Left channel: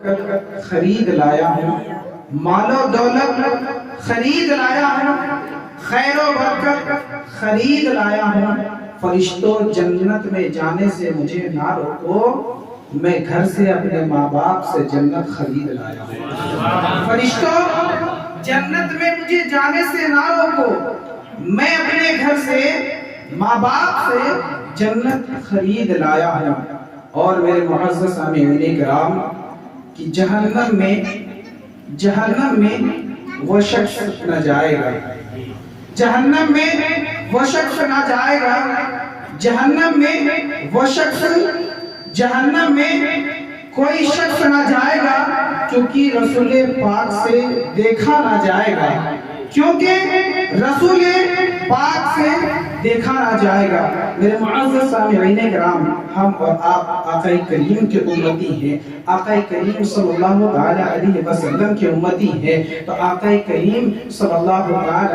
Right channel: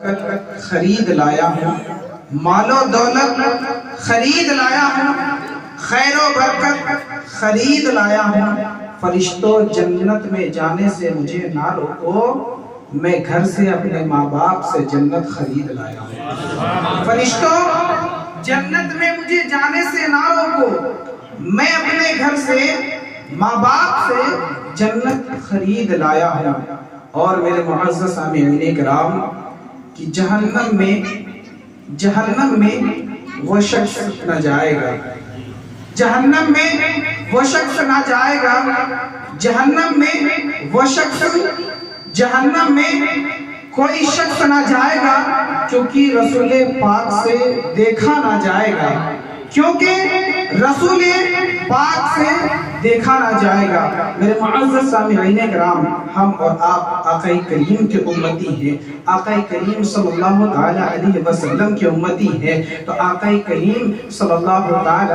خرید لایا ہوں، مال و دولت خرید لایا ہوں، خیر و برکت خرید لایا ہوں۔ فرشتوں جنت میں جانے سے مجھے نہ روکو، میں گھر سے اپنے ماں باپ سے جنت خرید لایا ہوں۔ فرشتوں جنت میں مجھے جانے سے نہ روکو، میں اپنے گھر سے ماں باپ سے جنت خرید لایا ہوں۔ اور میرے معزز سامعین کرام کہ جہنم میں وہ شخص نہ جائے گا، جہنم میں وہ شخص نہ جائے گا، جہنم میں وہ شخص، جہنم میں کوئی شخص نہ جائے گا کیونکہ رسول پاک سے دیکھا نہ جائے گا، کیونکہ رسول پاک سے دیکھا نہ جائے گا۔ میرے معزز سامعین کرام، ہم اور آپ آقا کریم کے امتی ہیں، آقا کریم صلی اللہ علیہ وسلم کے امتی ہیں، تو آقا کریم صلی اللہ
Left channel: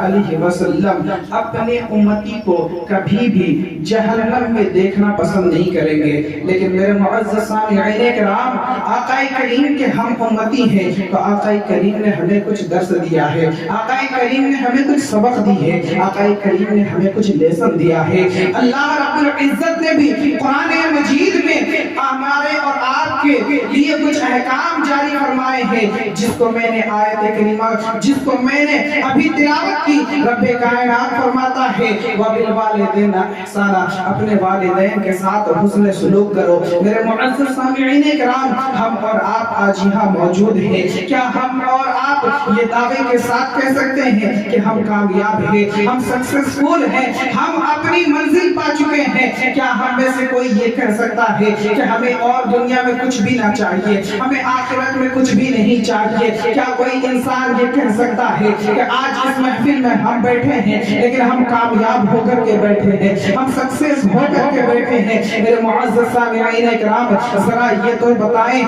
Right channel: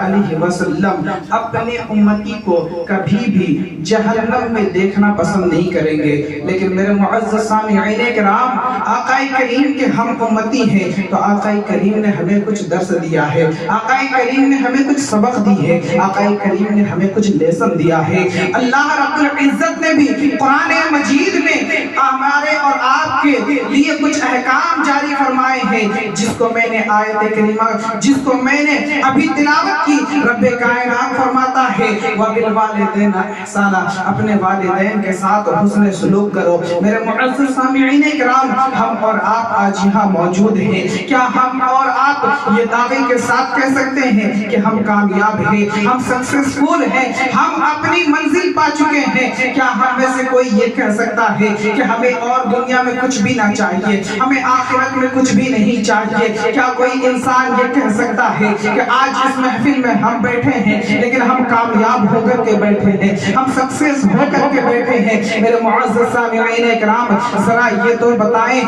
علیہ وسلم اپنے امتی کو کبھی بھی جہنم میں دیکھنا پسند نہیں کریں گے۔ لیکن میرے معزز سامعین کرام، آقا کریم کے ہم امتی ہیں تو آقا کریم نے ہمیں کچھ درس دیا ہے، آقا کریم نے ہمیں کچھ سبق دی ہے، آقا کریم نے ہمیں کچھ لیسن دیا ہے۔ اللہ رب العزت نے بھی قرآن مجید میں ہمارے اور آپ کے لیے کچھ احکام جاری فرمائے ہیں، جس کو میں نے آیت کریمہ، جس کو میں نے ابھی تلاوت کی۔ رب کائنات فرماتا ہے وَبِالْوَالِدَيْنِ احسانا، اپنے والدین کے ساتھ حسن سلوک کرو۔ میرے معزز سامعین کرام، ہم اور آپ آج یہاں موجود ہیں، کیا ہم اور آپ یہ دعوے کے ساتھ کہہ سکتے ہیں کہ ہم کامیاب ہیں، ہم سکسیسفل ہیں، ہم اپنی منزل پا چکے ہیں؟ کیا ہم میں سے کوئی یہ کہہ سکتا ہے کہ ہمیں اور دنیا میں کچھ بھی نہ چاہیے، ہمیں آخرت میں کچھ بھی نہیں چاہیے؟ کیا کوئی انسان یہ کہہ سکتا ہے کہ آج اس محفل میں ہم بیٹھے ہیں لیکن ہم کامیاب ہو کر کے بیٹھے ہیں، ہم سکسیس ہو کر کے بیٹھے ہیں؟ میرے معزز سامعین کرام، ذرا یہ تو بتائیں،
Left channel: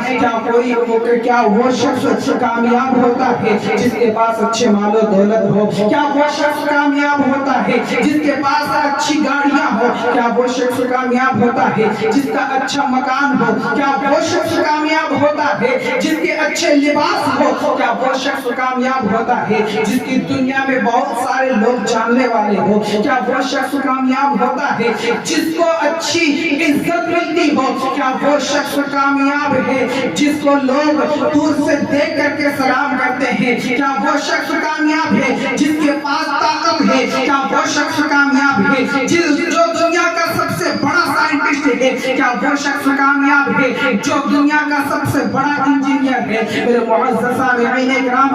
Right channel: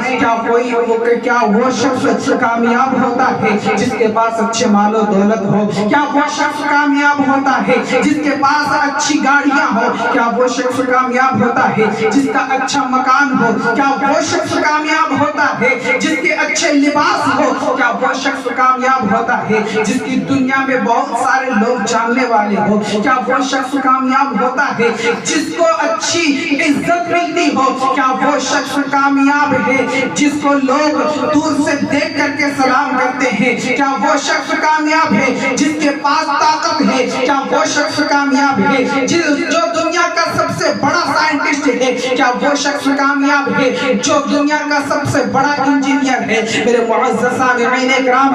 کیا وہ شخص کامیاب ہوتا ہے جس کے پاس اچھے مال و دولت ہو؟ کیا وہ شخص کامیاب ہوتا ہے جس کے پاس اچھی گاڑیاں ہو؟ کیا وہ شخص کامیاب ہوتا ہے جس کا اچھا مکان ہو؟ کیا وہ شخص کامیاب ہوتا ہے جس کے اچھے لباس ہو؟ کیا وہ شخص کامیاب ہوتا ہے جس کی دنیا میں بہت سارے لوگ جاننے والے ہو؟ کیا وہ شخص کامیاب ہوتا ہے جس کو اچھی عزت ملتی ہو؟ کیا وہ شخص کامیاب ہے جس کو لوگ دور سے دیکھ کر کے سلام کرتے ہیں؟ کیا وہ شخص کامیاب ہے جس کے پاس طاقت ہے؟ کیا وہ شخص کامیاب ہے جو دنیا کا سب سے بڑا سائنٹسٹ ہے؟ کیا وہ شخص کامیاب ہے جو دنیا کا سب سے بڑا انجینئر ہے؟ میرے معزز سامعین کرام،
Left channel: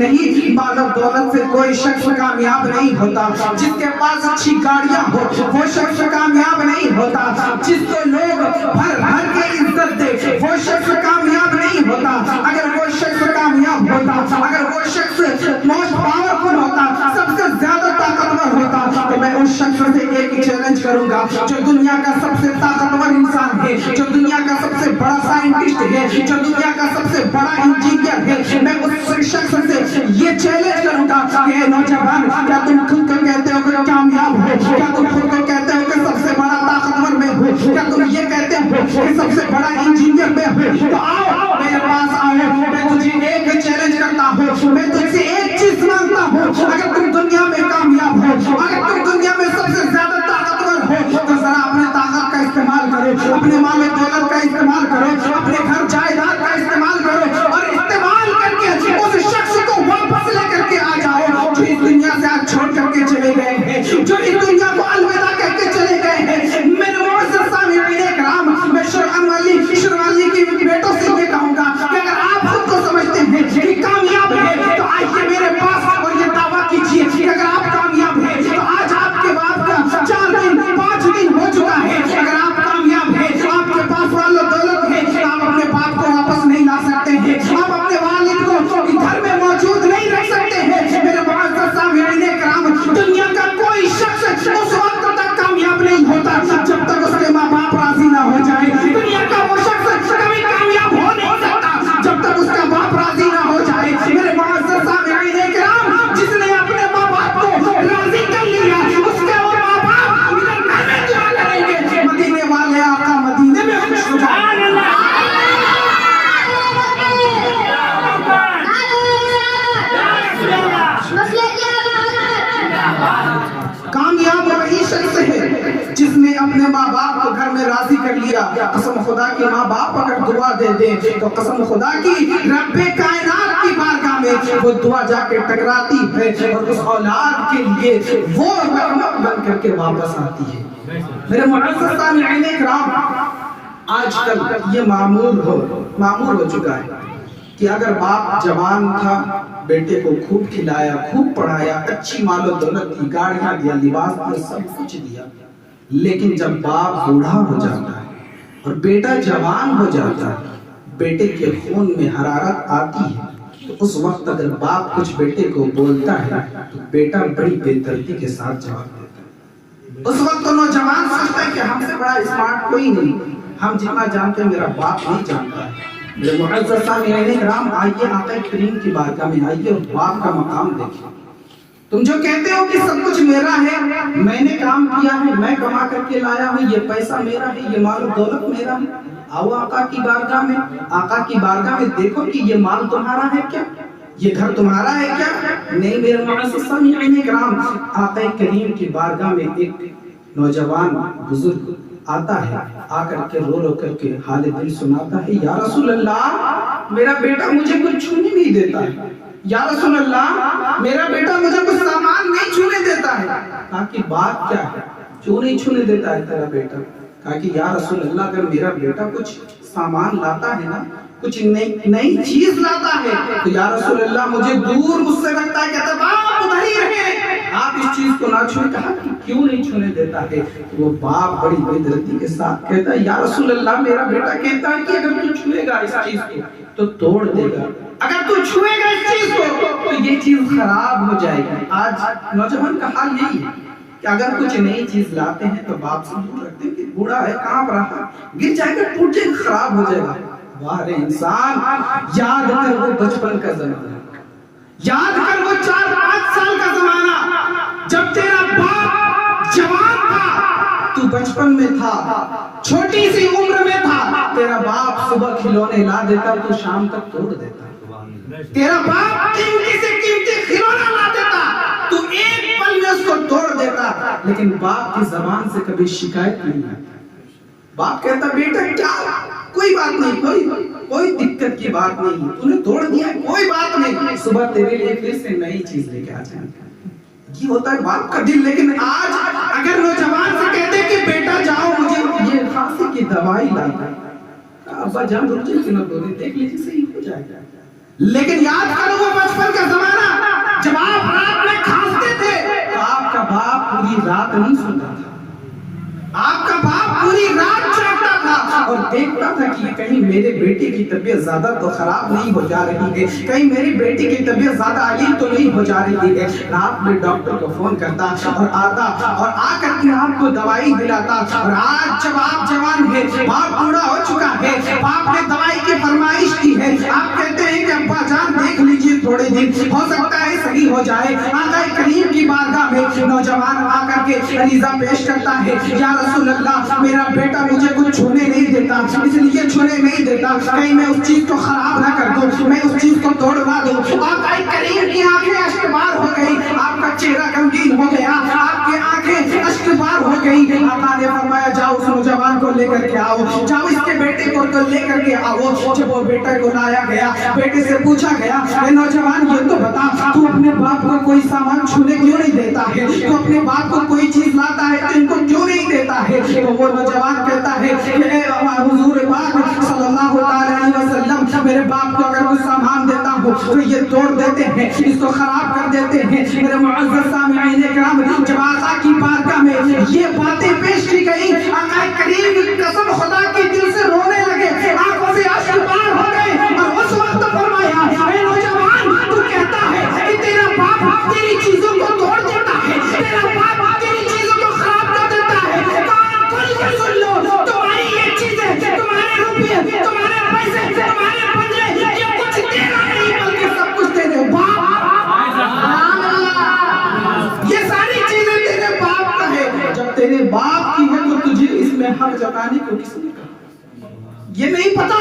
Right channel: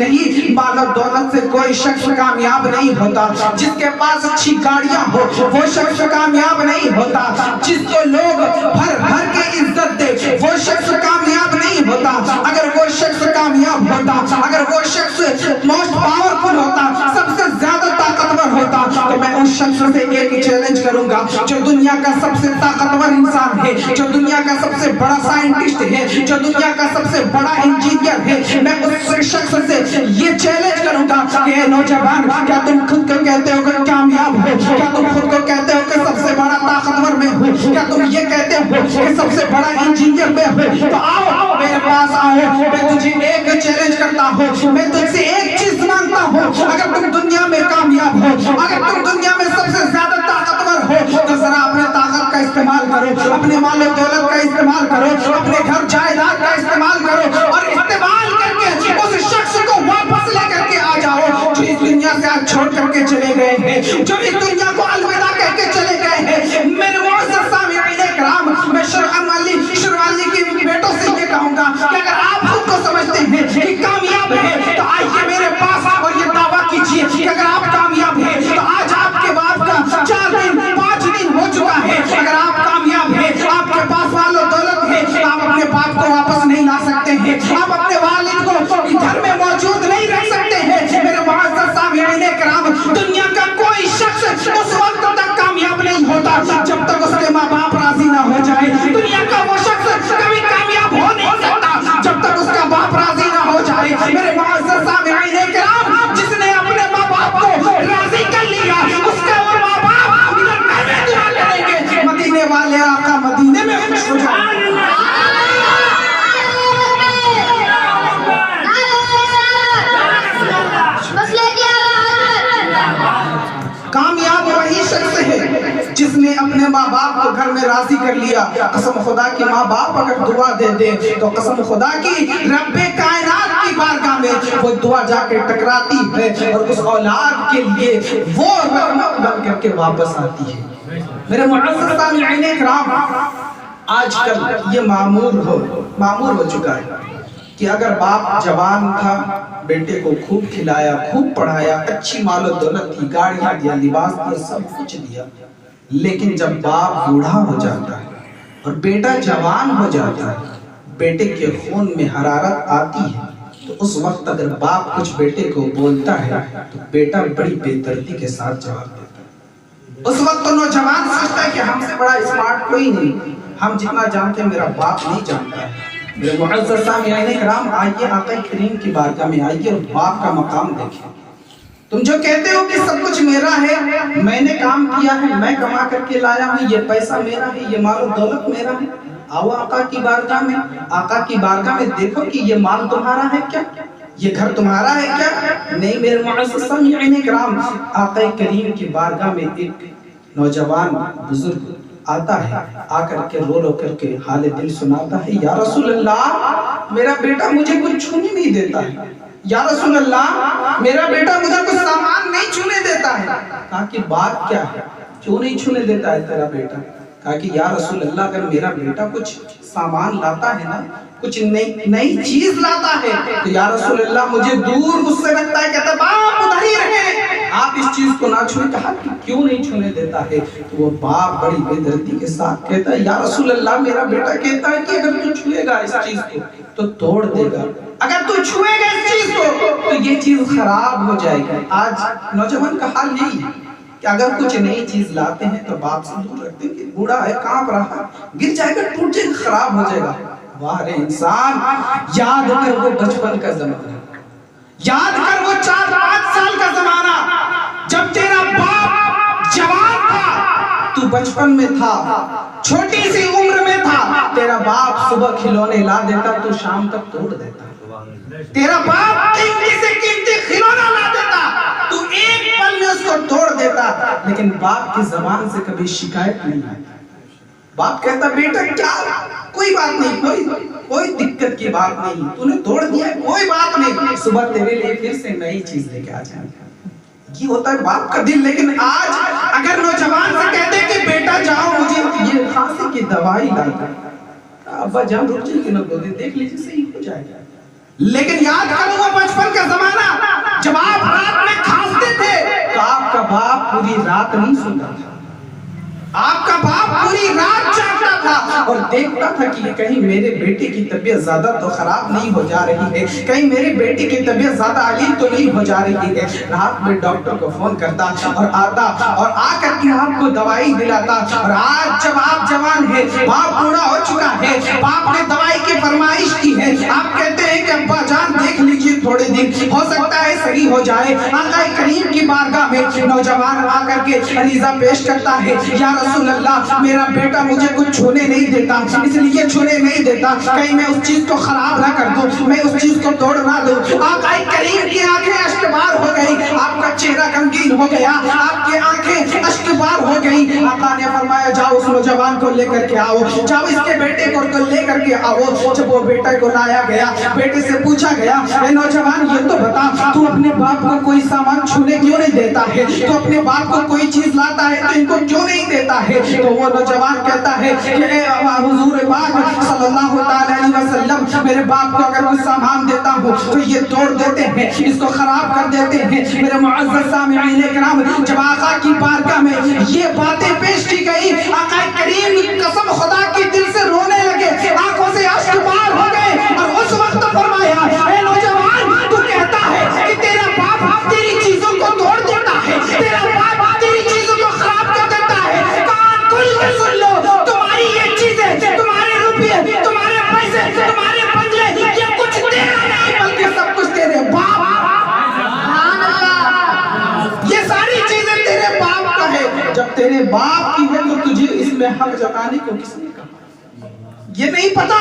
نہیں، مال و دولت سے کوئی شخص کامیاب نہیں ہوتا، جس کے پاس اچھی گاڑیاں ہو وہ شخص کامیاب نہیں ہوتا، جس کو لوگ بھر کے عزت دے وہ شخص کامیاب نہیں ہوتا۔ اگر وہ شخص کامیاب ہوتا، اگر وہ شخص موسٹ پاورفل ہوتا، سب سے زیادہ طاقتور ہوتا، تو میں اس شخص سے ایک چیلنج کروں گا جو دنیا کا سب سے طاقتور انسان ہے، جو دنیا کا سب سے بڑا سائنٹسٹ ہے، جو دنیا کا سب سے بڑا انجینئر ہے، میں اس شخص سے یہ چیلنج کروں گا کہ اے نوجوان، کیا تم خود کو کہتے ہو کہ کامیاب ہو؟ کیا تم خود کو کہتے ہو کہ سب سے بڑا طاقتور میں ہوں؟ کیا تم یہ کہتے ہو کہ سب سے بڑا انجینئر میں ہوں؟ تو آؤ میرے پاس آؤ، میں تجھے ایک چیلنج کرتا ہوں، میں تجھ سے ایک چیز مانگتا ہوں، اگر تم دنیا میں کامیاب ہو، اگر تم دنیا میں سب سے زیادہ طاقتور ہو، تو ذرا اپنے طاقت کا استعمال کرو، اپنے مال و دولت کا استعمال کرو، اپنے گھر جائیداد کا استعمال کرو، اور استعمال کر کے اس شخص کو واپس لے کر کے آ جاؤ جو اس دنیا سے آج چھوڑ کر کے چلے گئے ہیں، جو اس دنیا کو الوداع کہہ کے چلے گئے ہیں۔ میرے معزز سامعین کرام، میں شروالی کی بیٹوں سے یہ کہوں گا کہ اگر آپ خود کو سمجھتے ہیں کہ کامیاب ہے تو آئیے میرے پاس اور یہ دعویٰ کیجئے کہ اگر آپ کامیاب ہیں تو آج آپ کے باپ کا 4 دن 5 دن ہو چکا ہے۔ اگر آپ کامیاب ہیں، آپ کے پاس مال و دولت ہے، آپ اپنے باپ کو راضی کر لیا. قسم خدا کی ماں باپ اگر دعا دے دیں تو قسم خدا کی رب کائنات کی بارگاہ میں وہ دعا جا کے ٹکراتی ہے اور اس اولاد کے لیے وہ رحمت بن کر کے واپس آتی ہے. میرے معزز سامعین کرام، آج کل یہ معمول ہو چکا ہے کہ اگر باپ جوان تھا بیٹے کو خوب کھلایا، خوب پڑھایا، اچھی مال و دولت دی، گاڑیاں دیا، لباس دیا، سب کچھ دیا، لیکن جب باپ بوڑھا ہو جاتا ہے اور بیٹا جوان ہو جاتا ہے، بیٹے کے خون میں حرارت آتی ہے، تو اس وقت اگر باپ کچھ بیٹے کو بولتا ہے تو بیٹا بڑی بے دردی کے ساتھ جواب دیتا ہے. اس وقت تو نوجوان سوچتا ہے کہ ہم سے بڑا اسمارٹ کوئی نہیں، ہم جتنا جانتے ہیں میرا باپ نہیں جانتا ہے. میرے معزز سامعین کرام، آئیے آقا کریم کی بارگاہ میں آئیے اور باپ کا مقام دیکھیں. تم جو کہتے ہو کہ سب کچھ میرا ہے، میں نے کام کیا ہے، میں کما کر کے لایا ہوں، یہ پیسہ میرا ہے، یہ مال و دولت میرا ہے، آؤ آقا کی بارگاہ میں. آقا کی بارگاہ میں دیکھو کہ یہ مال تمہارا ہے کیا، یہ گھر تمہارا ہے کیا؟ نہیں میرے معزز سامعین کرام، آقا کریم کی بارگاہ میں ایک نوجوان بزرگ آتا ہے، آ کر کے رو کر کے حال دل سناتا ہے. یا رسول اللہ، میرا بیٹا مجھے کچھ چھونے نہیں دیتا ہے. یا رسول اللہ، میرا بیٹا مجھے کچھ سامان نہیں چھونے دیتا ہے. کہا کہ بات کیا ہے، کیوں نہیں چھونے دیتا ہے تیرا بیٹا؟ کہا کہ یا رسول اللہ، اگر میرا بیٹا کچھ سامان لاتا ہے نا، کچھ نئی چیز لاتا ہے تو یا رسول اللہ مجھے دور اس سے رکھتا ہے، کہتا ہے باپ ادھر ہی رہے، آپ اس چیز کو نہ چھوئے. کہا کہ کیوں نہیں چھونے دیتا ہے؟ تو وہ باپ بڑی بے دردی کے ساتھ کہتا ہے یا رسول اللہ، میرا بیٹا کہتا ہے کہ اگر تو چھوئے گا اس چیز کو تو توڑ دے گا، اگر تو چھوئے گا اس چیز کو تو یہ چیز خراب ہو جائے گی. آج نوجوان کا حال یہی ہے کہ اگر کچھ نئی چیز لاتے ہیں تو باپ سے دور رکھتے ہیں کہ بوڑھا ہے، کانپ رہا، گر جائے گا، ٹوٹ جائے گا، خراب ہو جائے گا. واہ رے انسان، یاد کر وہ بچپن کا زمانہ، یاد کر وہ 4-5 سال کا زمانہ جب تیرا باپ جوان تھا، تو بچپن میں تھا، چھوٹی سی عمر میں تھا. تیرا باپ صبح کھلونے لا دیتا تو شام تک توڑ دیتا. تیرا باپ قیمتی سے قیمتی کھلونا لا دیتا تو ایک پل میں اس کو توڑ دیتا. لیکن باپ کی زبان سے کبھی شکایت نہیں آئی. باپ کہتا بیٹا کیا، کوئی بات نہیں، کوئی دقت کی بات نہیں، تو نے توڑ دیا، کوئی بات نہیں، صبح تیرے لیے پھر سے نئی چیز لے کے آ جائیں. یہ ہوتا ہے باپ کا دل. لیکن آج اگر نوجوان سے کہتے کہ بیٹا جاؤ مجھے یہ کھانسی کی دوائی لانا، ابا جان رک جائے کہ نہ دیکھ لیجیے صحیح ہو جائے گا. لیکن یاد کرو وہ بچپن کا زمانہ جب آپ رات میں کھانستے تھے تو آپ کا باپ پوری رات نہیں سنتا تھا، آپ کا باپ پوری رات جاگتا تھا اور دیکھتا تھا کہ کہیں میرے بیٹے کی طبیعت زیادہ تو خراب نہیں ہو جا رہی ہے، کہیں میری بیٹی کی طبیعت زیادہ علیل تو نہیں ہو جا رہی ہے. رات میں ڈاکٹر کو فون کرتا اور آتا اور آ کر کے آپ کو دوائی دلاتا. اور آج جب آپ جوان ہیں، باپ بوڑھا ہو چکا ہے، باپ نے دوائی کی فرمائش کی ہے، آپ کہتے ہیں کہ ابا جان دیکھ لیجیے تھوڑے دن ہو سکتا ہے صحیح ہو جائے. آقا کریم کی بارگاہ میں نوجوان آ کر کے عریضہ پیش کرتا ہے، یا رسول اللہ، میرا بیٹا مجھے کچھ چھونے نہیں دیتا، اس لیے چھونے نہیں دیتا کہیں میں اس چیز کو خراب نہ کر دوں، میں اس چیز کو توڑ نہ دوں. آقا کریم کی آنکھیں اشکبار ہو گئی، آپ کا چہرہ غمگین ہو گیا، آپ کی آنکھیں اشکبار ہو گئی. آقا نے فرمایا جاؤ اس نوجوان کو لے کر کے آؤ، جاؤ اس کے بیٹے کو لے کر کے آؤ. جب وہ بیٹا کو لایا گیا، بیٹے سے پوچھا گیا، اے نوجوان یہ تو بتا، تو اپنے باپ کو کوئی سامان چھونے کیوں نہیں دیتا ہے، تو اپنے باپ کو کوئی چیز لاتا ہے تو ان کو کیوں نہیں دیتا ہے؟ تو وہ نوجوان کہتا ہے کہ اے حضور پاک صلی اللہ علیہ وسلم، میرے باپ کو اگر کوئی سامان دیتا ہوں تو یہ توڑ دیتے ہیں، اس کو خراب کر دیتے ہیں. میرے معزز سامعین کرام، جب آقا کی بارگاہ میں یہ باتیں پیش کی گئی، آقا کریم قسم خدا کی دل سے رونے لگے، آنکھوں سے اشک بار ہو گئے. اور اس وقت فرمایا، اے نوجوان، تو کہتا ہے کہ تیرا باپ تیری چیزوں کو توڑ دیتا ہے، تیرا باپ تیری چیزوں کو خراب کر دیتا ہے. کان کھول کے سن لو، تمہاری یہ چیزیں، تمہارے روپے، تمہارے پیسے، تمہارے بدلے، یہ کچھ تیرا نہیں بلکہ سب کچھ تیرے باپ. سبحان اللہ، یہ ساری چیزیں تیرے باپ کا ہے. جب تیرے باپ کی ہے تو تجھے اس میں حق جتانے کو کس نے کہا؟ یہ نہیں پتا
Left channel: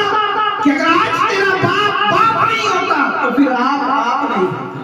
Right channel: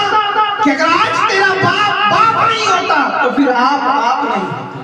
کہ اگر آج تیرا باپ باپ نہیں ہوتا تو پھر آپ نہیں ہوتا.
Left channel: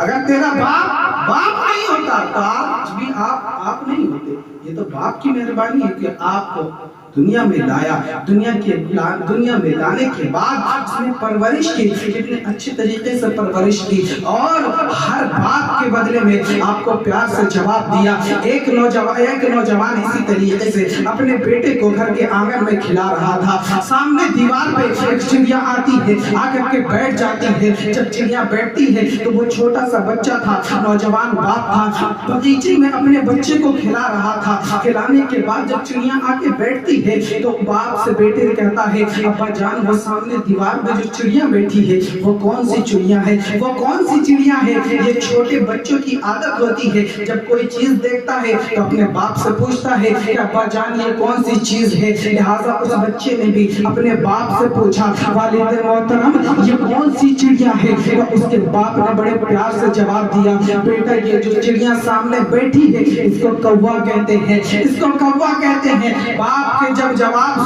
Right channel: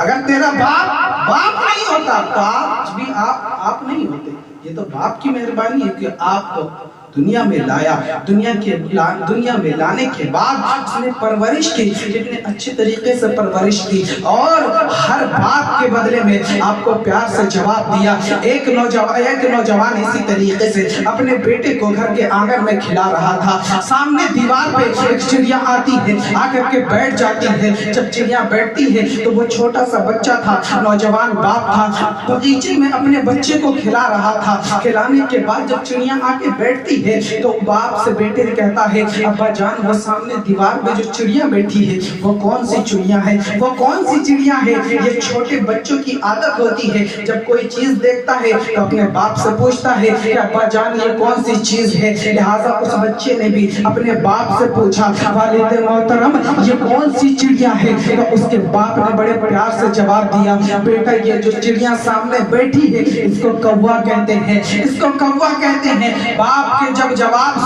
اگر تیرا باپ باپ نہیں ہوتا تو آج بھی آپ نہیں ہوتے. یہ تو باپ کی مہربانی ہے کہ آپ کو دنیا میں لایا. دنیا میں لانے کے بعد اس نے پرورش کی, کتنے اچھے طریقے سے پرورش کی, اور ہر بات کے بدلے میں آپ کو پیار سے جواب دیا. ایک نوجوان اسی طریقے سے اپنے بیٹے کو گھر کے آنگن میں کھلا رہا تھا. سامنے دیوار پہ ایک چڑیا آتی ہے, آ کر کے بیٹھ جاتی ہے. جب چڑیا بیٹھتی ہے تو وہ چھوٹا سا بچہ تھا, نوجوان باپ تھا, باغیچے میں اپنے بچے کو کھلا رہا تھا. کھلانے کے بعد جب چڑیا آ کے بیٹھتی ہے تو باپ سے بیٹے کہتا ہے, ابا جان وہ سامنے دیوار پہ جو چڑیا بیٹھی ہے وہ کون سی چڑیا ہے, وہ کون سی چڑیا ہے. یہ چھوٹے بچوں کی عادت ہوتی ہے, جب کوئی چیز دیکھتا ہے تو اپنے باپ سے پوچھتا ہے کہ ابا جان یہ کون سی چیز ہے. لہٰذا اس بچے نے بھی اپنے باپ سے پوچھا, والد محترم یہ کون سی چڑیا ہے. تو اس کے باپ نے بڑے پیار سے جواب دیا, بیٹا یہ جو چڑیا سامنے بیٹھی ہے اس کو کوا کہتے ہیں, اس کو کوا کہتے ہیں. باپ کا جب جواب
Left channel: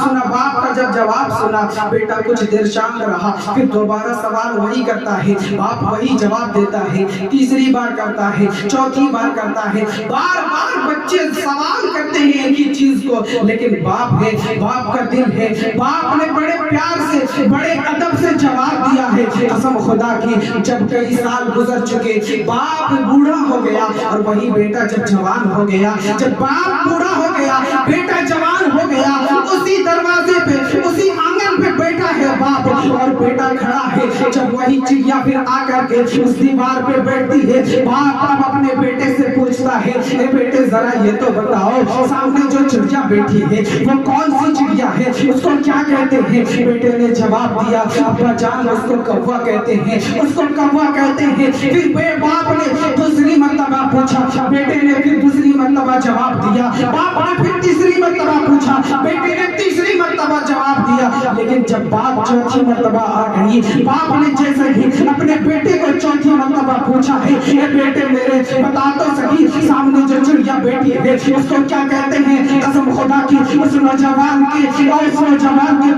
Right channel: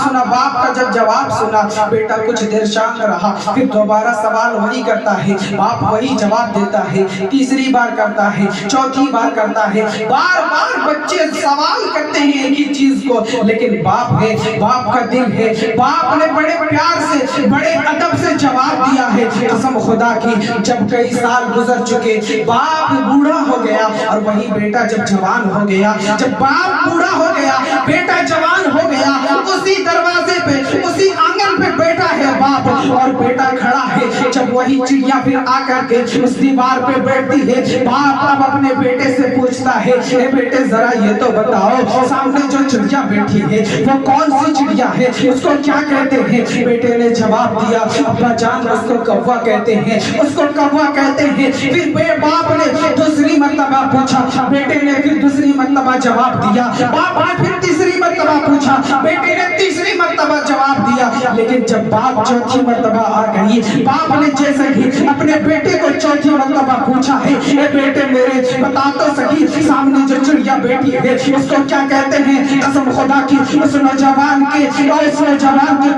سنا بیٹا کچھ دیر شانت رہا, پھر دوبارہ سوال وہی کرتا ہے, باپ وہی جواب دیتا ہے. تیسری بار کرتا ہے, چوتھی بار کرتا ہے, بار بار بچے سوال کرتے ہیں ایک ہی چیز کو, لیکن باپ ہے, باپ کا دل ہے, باپ نے بڑے پیار سے بڑے ادب سے جواب دیا ہے. قسم خدا کی جب کئی سال گزر چکے, باپ بوڑھا ہو گیا اور وہی بیٹا جب جوان ہو گیا. جب باپ بوڑھا ہو گیا بیٹا جوان ہو گیا, اسی دروازے پہ اسی آنگن پہ بیٹا ہے باپ اور بیٹا کھڑا ہے. جب وہی چڑیا پھر آ کر کے اس دیوار پہ بیٹھتی ہے, باپ اب اپنے بیٹے سے پوچھتا ہے, اے بیٹے ذرا یہ تو بتاؤ سامنے جو چڑیا بیٹھی ہے وہ کون سی چڑیا ہے, اس کو کیا کہتے ہیں. بیٹے نے جواب دیا, ابا جان اس کو کوا کہتے ہیں, اس کو کوا کہتے ہیں. پھر باپ نے دوسری مرتبہ پوچھا, بیٹے نے پھر دوسری مرتبہ جواب دیا. باپ نے پھر تیسری مرتبہ پوچھا, بیٹے نے تیسری مرتبہ جواب دیا. لیکن جب بات چوتھی مرتبہ آ گئی, باپ نے جیسے ہی اپنے بیٹے کو چوتھی مرتبہ پوچھا ہے, اے بیٹے میرے بتا تو سکی سامنے جو چڑیا بیٹھی ہے اس کو کیا کہتے ہیں. قسم خدا کی اس نوجوان کے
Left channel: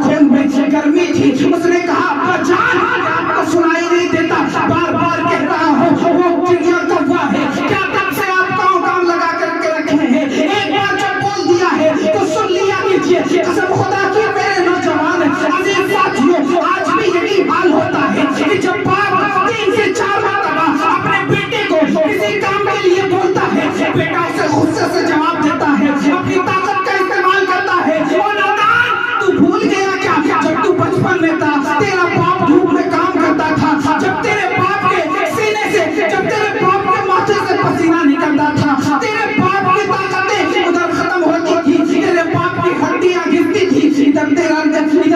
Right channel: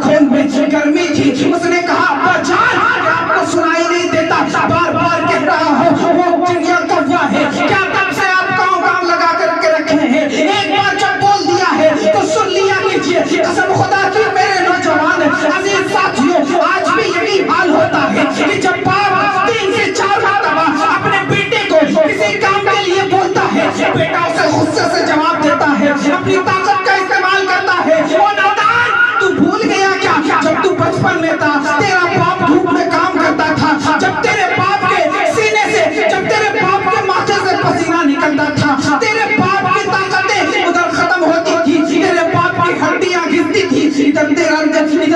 خون میں گرمی تھی. اس نے کہا, ابا جان آپ کو سنائی نہیں دیتا, بار بار کہہ رہا ہوں وہ چڑیا کوا ہے, کیا تب سے آپ کام لگا کر کے رکھے ہیں, ایک بار جب بول دیا ہے تو سن لیا کیجئے. قسم خدا کی میرے نوجوان عزیز ساتھیوں, آج بھی یہی حال ہوتا ہے کہ جب باپ 3 سے 4 مرتبہ اپنے بیٹے کو کسی کام کے لیے بولتا ہے, بیٹا اسے غصے سے جواب دیتا ہے, اپنی طاقت کا استعمال کرتا ہے. او نادان, تو بھول گیا کیا جب تو بچپن میں تھا تیرا باپ دھوپ میں کام کرتا تھا, جب تیرے باپ کے سینے سے, جب تیرے باپ کے ماتھے سے پسینہ نکلتا تھا, تیرے باپ کی طاقتیں ادھر ختم ہوتی تھی, تیرے باپ کی ہڈیاں گھستی تھی, ادھر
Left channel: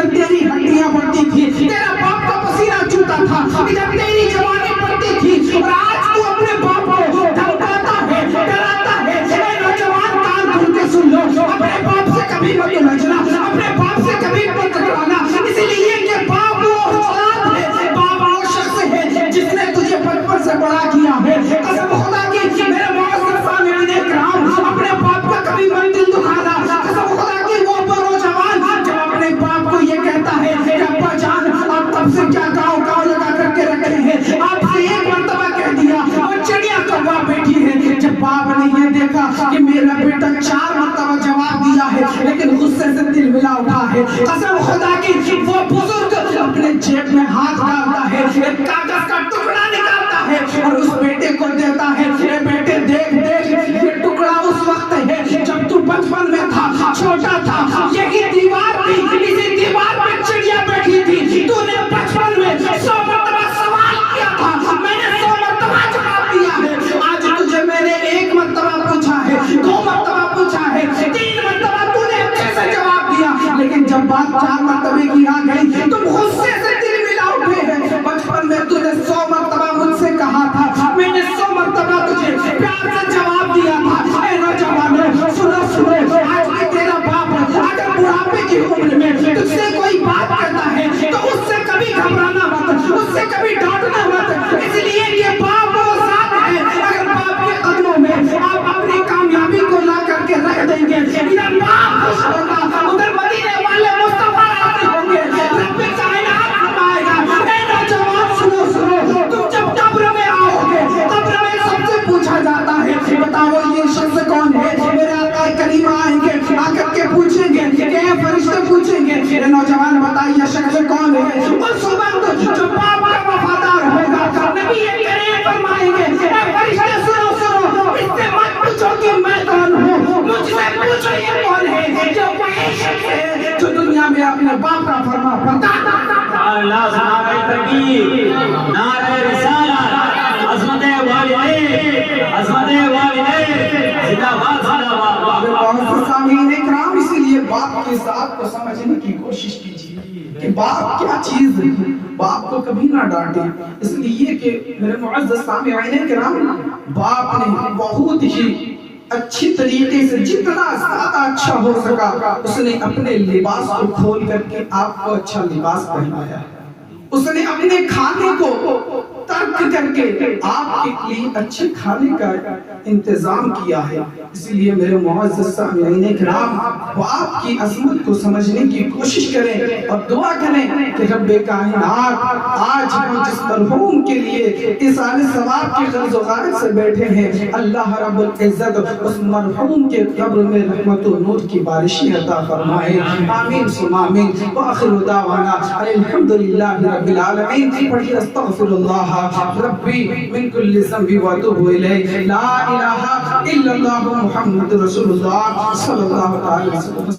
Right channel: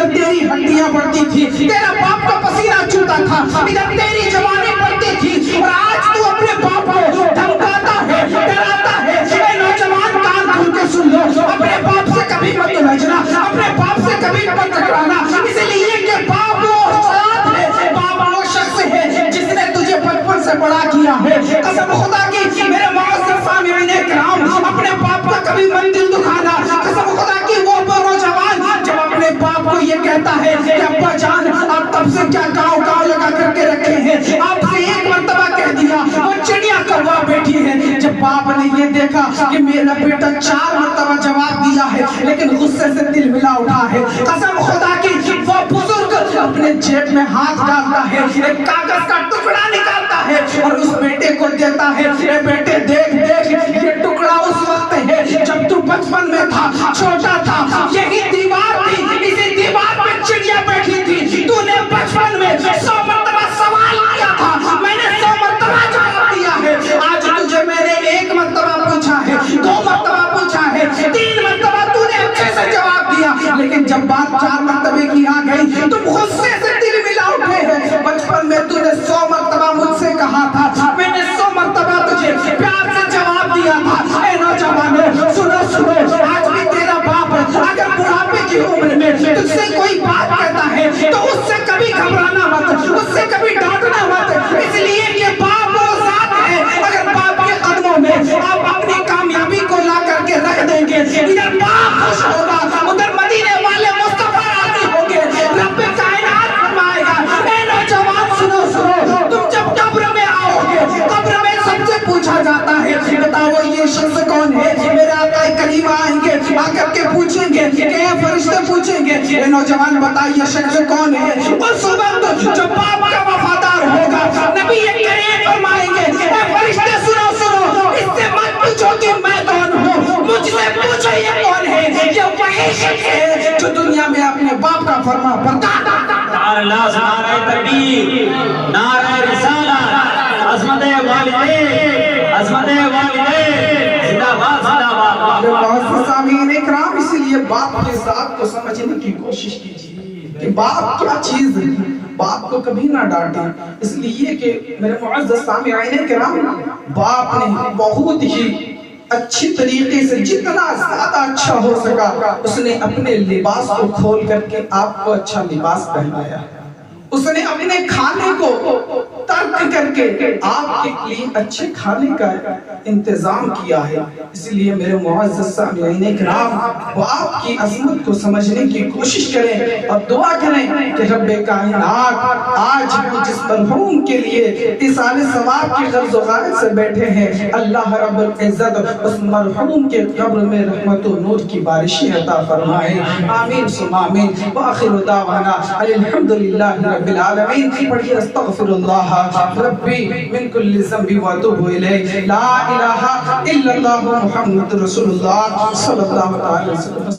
تیری ہڈیاں بڑھتی تھی, تیرا باپ کا پسینہ چوتا تھا, ادھر تیری جوانی بڑھتی تھی. اور آج تو اپنے باپ کو دھمکاتا ہے, ڈراتا ہے. اے نوجوان کان کھول کے سن لو, اپنے باپ سے کبھی مت لجنا, اپنے باپ سے کبھی مت ٹکرانا, اس لیے کہ باپ وہ ذات ہے, باپ وہ شخص ہے جس نے تجھے بچپن سے بڑا کیا ہے. قسم خدا کی میرے معزز سامعین کرام, اپنے باپ کا کبھی مت دل دکھانا. قسم خدا کی وہ نوجوان جب اپنے باپ کو یہ کہتا ہے کہ ابا جان آپ تب سے کیا گاؤں لگا کر کے رکھے ہیں, آپ سے ایک مرتبہ کہہ دیا وہ چڑیا کوا بیٹھی ہے. جب باپ نے یہ دیکھا کہ میرا بیٹا 4 مرتبہ جواب دیا ہے لیکن غصے سے دل ملا اٹھا ہے, قسم خدا کی وہ بزرگ اپنے جیب میں ہاتھ ڈالتا ہے, ایک کاغذ کا ٹکڑا نکالتا ہے اور اس بیٹے کو دیتا ہے. اے بیٹے دیکھ یہ ٹکڑا اس وقت ہے جب تو بچپن میں تھا, چھوٹا تھا, یہی دیوار تھی, اسی دیوار پر چڑیا بیٹھی تھی, تو نے بچپن میں 100 مرتبہ سوال کیا تھا, میں نے 100 مرتبہ جواب دیا ہے. آج تجھے میں نے 1 مرتبہ پوچھا ہے, 2 مرتبہ پوچھا ہے, 3 مرتبہ تو نے اچھے سے جواب دیا, لیکن جب بات 4 مرتبے کی آ گئی تم غصے سے دل ملا اٹھے ہیں. بچپن میں تو نے 100 مرتبہ مجھ سے کہا تھا, میں نے 100 مرتبہ تجھے پیار سے جواب دیا تھا. اے نوجوانوں سنو, آج بھی تیرا باپ اگر بڑھاپے کی عمر میں تجھ سے کوئی یہ نوجوان بتائیے شخص کون ہے؟ اس وقت جو باپ کا وفادار ہوگا نبی کریم فرمائیں گے اے فرشتے سنو سنو، اس سے مت پوچھو کہ میں کون ہوں، مجھ سے پوچھو یہ کون ہے؟ یہ وہی شخص ہے جو دنیا میں اپنے باپ کا فرما بردار نعرہ تکبیر، نعرہ رسالت، عظمت والدین، عظمت والدین، زندہ باد زندہ باد۔ بہت سے سامعین اکرام، اسی لیے باپ کے ذات کو سمجھنے کی کوشش کیجیے کہ باپ کیا چیز ہے۔ باپ کو کبھی نہ ڈانٹیں، اس لیے کہ میرے معزز سامعین اکرام، باپ نے بہت ہی اچھی طریقے سے جتنا زیادہ اچھا ہو سکا اس نے اپنے لباس کو کھول کر کے آپ کو اچھا لباس پہنایا، اس نے اپنے کھانے کو ترک کر کے آپ کے لیے اچھے کھانے کا انتظام کیا ہے۔ اس لیے میرے معزز سامعین اکرام، باپ کی عظمت کو سمجھنے کی کوشش کریں اور دعا کریں کہ رب کائنات آج بھی جس مرحوم کے لیے ایصال ثواب کی غرض و غایت سے بیٹھے ہیں، اللہ رب العزت اس مرحوم کے قبر میں رحمت و نور کی بارشیں عطا فرمائے، آمین ثم آمین۔ وآخر دعوانا الحمدللہ رب العالمین۔ پڑھیے استغفر اللہ ربی من کل ذنب واتوب الیہ، لا الہ الا اللہ محمد رسول اللہ صلی اللہ علیہ وسلم۔